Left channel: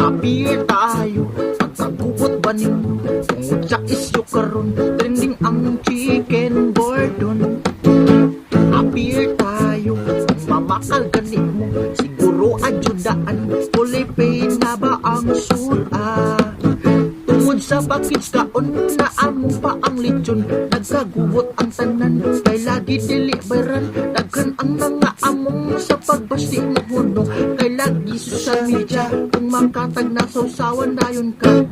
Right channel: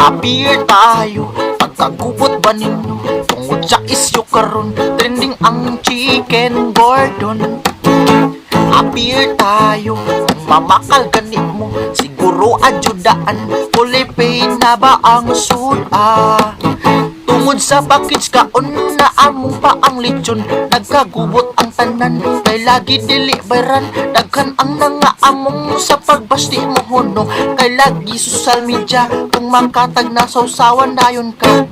Appear tayo, pagkagubot ba ninyo? Tungod sa isyo karon, trending ang chicken gordon. Appear tayo, mamakal ganit mo, siguro adyudaan, fully paid na ba ang suda? Tungod sa package kaon na among pa ang lechon, nagkagubot ang tanan, kay lagi deliveran, daghan ang nga among sa pagbasti mo huno, kay lagi social media, kung makatag na sausawan dayon ka.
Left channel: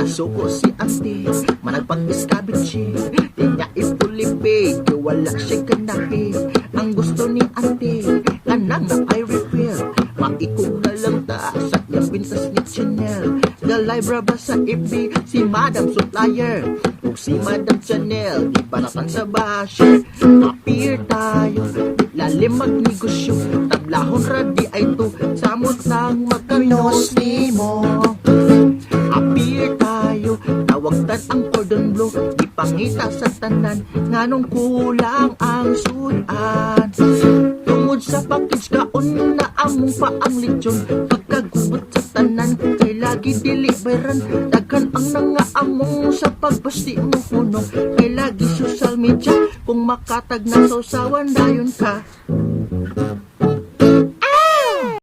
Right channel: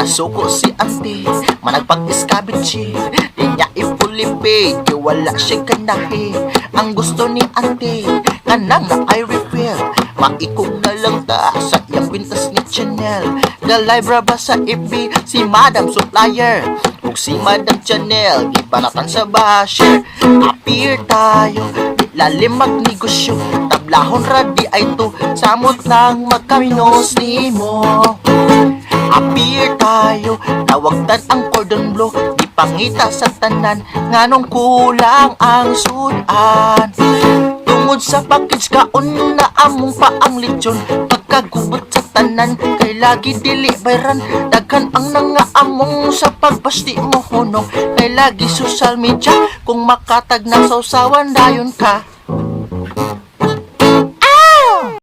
Nasuko si auntie, managpag-iskabitsi, di niya ipulipid, kaya wala siya ganahe. Ang gusto ni auntie, kanang na I refill, maikog na lang ta sa iyang kwintas ni Chanel. Galay ba sa FB, si Madam Supplier, ug si Madam Chanel, gibanatan sa basher. Appear tayo, di lalim magnegosyo, tablahon ra di ay to, samot lang magkaminos ni mo. Appear tayo, tawagtan ang cordon bleu, di pangita sa tanan, nganong kulang ang sudan. Tungod sa package kaon na among pa ang lechon, pagkagubot sa tanan, kay lagi deliveran, daghan ang nga among sa pagbasti mo huno, kay lagi social media, kung makatag na sausawan dayon ka.